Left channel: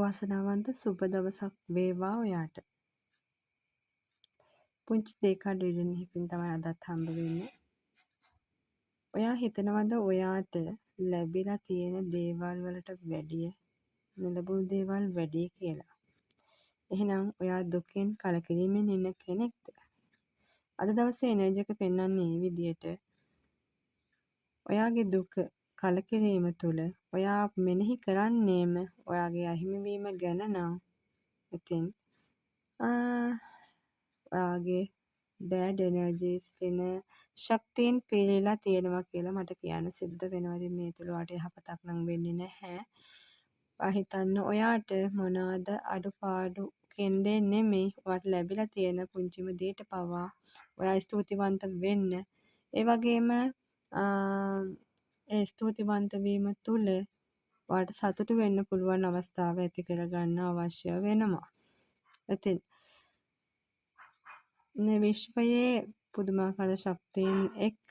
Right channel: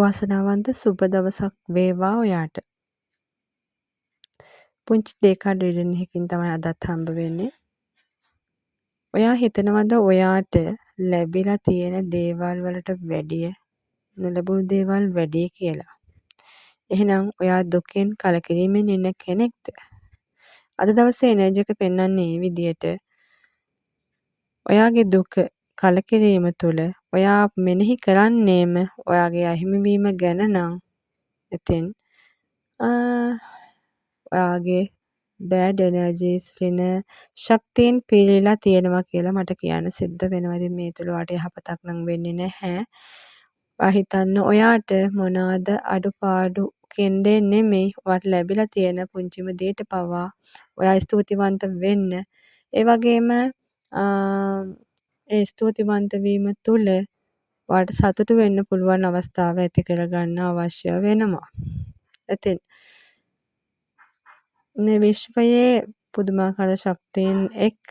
වාසනාවන්ත සුබ දවසක් වේවා ඔයාට. පුංචි ඩේකාඩ් රීඩින් එකකින් තමයි අදත් හම්බ වෙන්නේ. ඔයා හිතනවද ඔයාට ලැබිලා තියෙන දේවල් වලට වැඩිය නොලැබුණු දේවල් වැඩි කියලා? එහෙනම් ඔයා දුකෙන් කලකිරීමෙන් ඉන්න කෙනෙක්ද? අද දවසේ එනර්ජි එක පෙන්වන්නේ මේ විදියට. ඔයාගේ දුක කලකිරීම තුළ ඔයා මෙනෙහි කරන්නේම ඔයාගේ අහිමිවීම ගැන නම් ඉතින් ඔයාගේ බෑඩ් එනර්ජීස් රින ශක්තියෙන් පීරිලා තියෙනවා කියලා මට කියන්න සිද්ධ වෙනවා. ඉතින් මේ තුළ ඔයාට යහපතක් නම් වෙන්නේ නැහැ. ඔයා හිතන්න ඔයාට මොනවාද අඩුපාඩු කෙන්දේ නෙමෙයි ඔයාට ලැබිලා තියෙන පුංචිම දේට පවා ඔයා ස්තුතිවන්ත වෙන්න. ඒ වගේම ඒ ස්තුතිවන්ත වීම තුළ ඔයාට සතුටු වෙන්න පුළුවන් අවස්ථාව ඇති කරගන්න අවශ්‍ය වෙනවා. ඉතින් මේ විශ්වයේ පුදුමාකාර ශක්තියින් එක්ක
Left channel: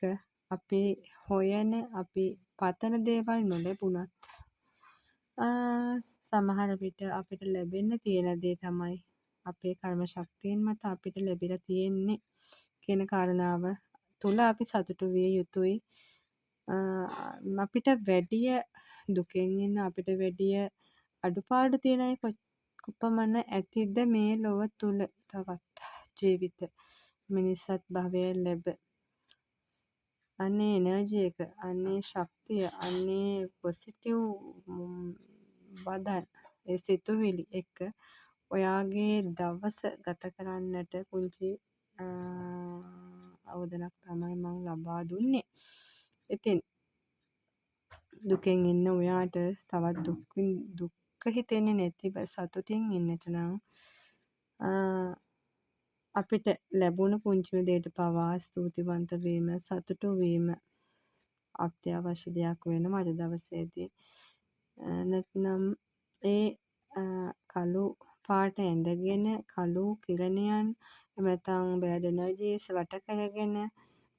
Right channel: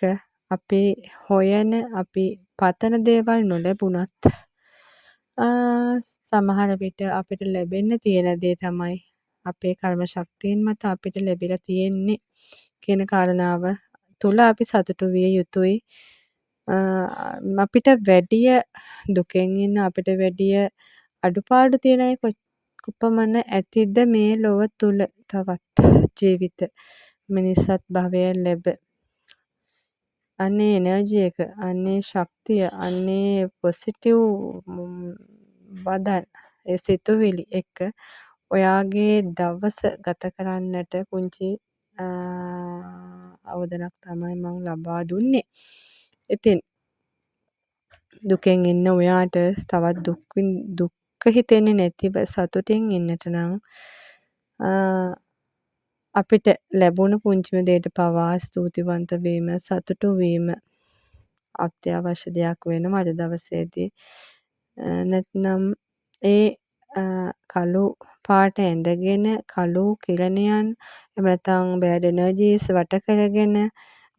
අපි හොයන අපි පතන දේවල් නොලැබුණත් සමහර විට අපිට ලැබෙන්න තියෙන දේ තමයි අපේ කර්ම ශක්තියින් මත අපිට ලැබිලා තියෙන්නේ කියන කාරණාව තුල අපි සතුටු විය යුතුයි. අපිට වැඩිය දුකෙන් ඉන්න අපිට වැඩිය අඩුපාඩු තියෙන අය කොපමණ ඇතිද මේ ලොව තුල තවත් ජීවිත මිනිස්සත් භවය ලැබ. අන්නේ එනර්ජි එක අන්නේ ශක්තිය අන්නේ පොසිටිව් වදන් ඒ සිතුවිලි එක්ක ඔයාගේ දවස ගත කරන්නට පුංචි අවධනක් තමයි මම ලබා දුන්නේ. ඉතින් දුකෙන් ඉන්න ඔයාට තවත් දුක්ඛ හිතෙන්නේ නැතිව සතුටින් ඉන්නට නම් අපිට ලැබුණු පුංචිම දෙයට පවා ස්තුතිවන්ත වීම සතුටු වීම අත්‍යවශ්‍ය දෙයක් වෙනවා අද දවසේදී. නැත්නම් ඒ කළු පාට ඇඳගෙන කළු කිරණයන් එහෙම නැත්නම් බෑඩ් එනර්ජීස් වට කරගෙන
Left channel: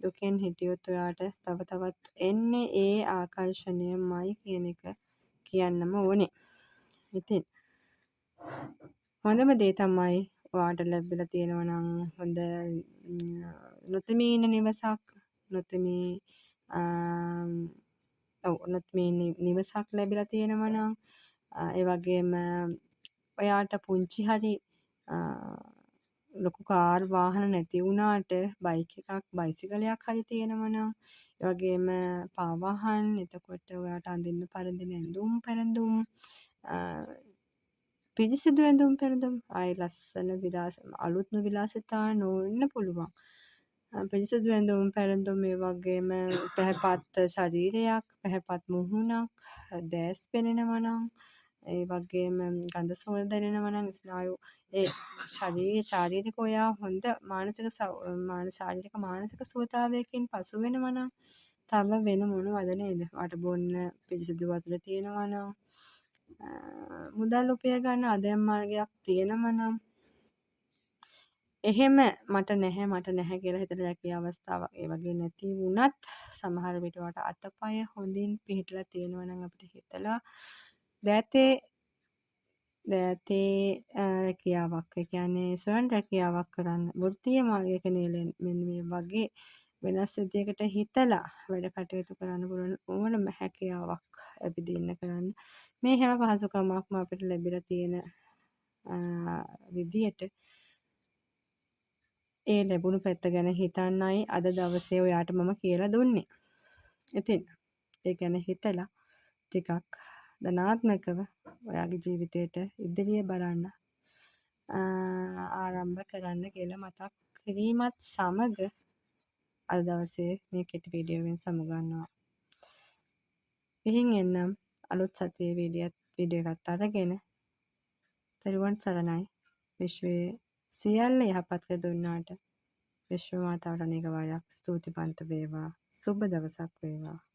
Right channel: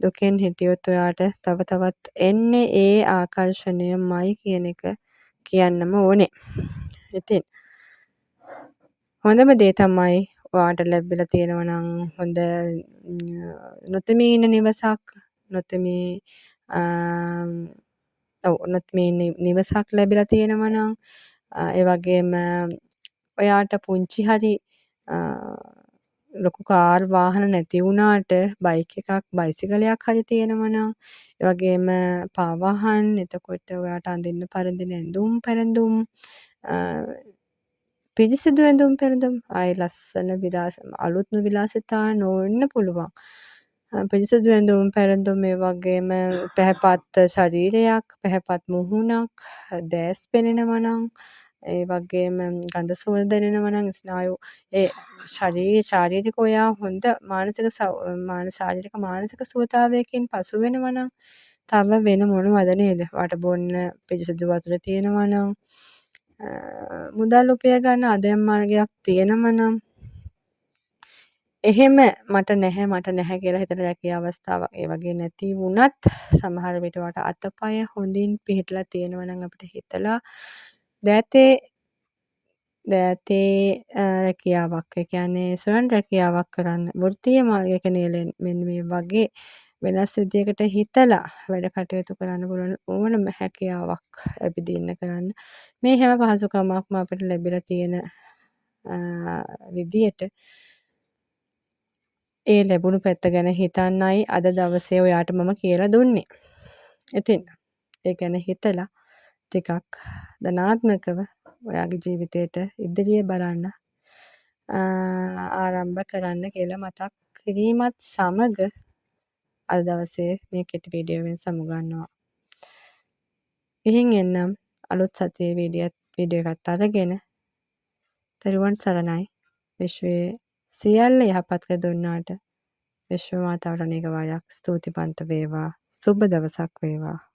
දුකෙන් හිටියොත් ඔයාට තව තවත් එන්නේ ඒ ආකර්ෂණයමයි කියන එක කියන්නම ඕනේ. ඉතින් හොඳම දේ තමයි ඔයාට ලැබිලා තියෙනවා නම් හොඳ නොතෙමී ඉන්න නිවසක් නොතෙමී නිවසක් ලැබිලා තියෙනවා නම් ඒ වගේම ඔයාට පුංචි හරි ලොකු කාර් වාහන නැති වුණාට බයික් එකක් බයිසිකලයක් හරි තියෙනවා නම් ඒ වගේම පාවාහන් එතකොට ඔයාට අඳින්න පරදින ඇඳුම් පැළඳුම් පිරිසිදු ඇඳුම් පැළඳුම් ආයි ලස්සන අලුත්ම විලාසිතා නොවෙන්න පුළුවන්. පිරිසිදු ඇඳුම් පැළඳුම් ඒ වගේම පැහැපත් ශරීරයක් පැහැපත් මුහුණක් දැස් පෙනෙනවා නම් ඒ වගේම ගඳ සුවඳ දැනෙනවා නම් ස්නායු ඒ ශාරීරික ඔයා හොඳ ශාරීරික මානසික සුවතාවයකින් පසු වෙනවා නම් තව වෙන මොනවද නේද? ඔයාට බොන්න පිරිසිදු වතුර තියෙනවා නම් මුදල් උපය ගන්න ආදායම් මාර්ගයක් තියෙනවා නම් එහෙම මට නැහැ කියලා හිතන රැකියා අවස්ථාවක් ඒ වගේ නැති වුණත් සමහර විට ඔයාට අතපය හොඳින් පිහිටලා තියෙනවා නම් අපිට හිතලා දෑතේ රැකියාවක් ඒ කියන්නේ ස්වයං රැකියාවක් කරන්න වෘත්තීය මාර්ගයක මෙන්න මේ වගේ වෙනස් විදියකට හිතලා වැඩ කටයුතු කරන්න පුළුවන් ඕනම හැකියාවක් ඇවිදින්න කරන්න මේ හැම පහසුකමක්ම අපිට ලැබිලා තියෙන විදියට ඒ ලැබුණු පැත්ත ගැන හිතන්නයි අද දවසේ ඔයාට මම කියලා දුන්නේ. ඉතින් ඒ ගැන හිතලා ටිකක් ධනාත්මකව ඔයාගේ ජීවිතේට ඉදිරිය බලන්න ආරම්භ කරන්න කියලා මතක් කිරීමත් සමග අද දවසේ මේ කෙටි වීඩියෝවෙන් සමුගන්නවා. ගිහින් එන්නම් අලුත් සතියේ වීඩියෝ එකත් අරගෙන තෙරුවන් සරණයි. විශ්වයේ සියල්ල යහපත් කර දුන්නාට විශ්ව මාතාවට අනේක වාරයක් ස්තුතිවන්ත වේවා. සුබ දවසක් වේවා.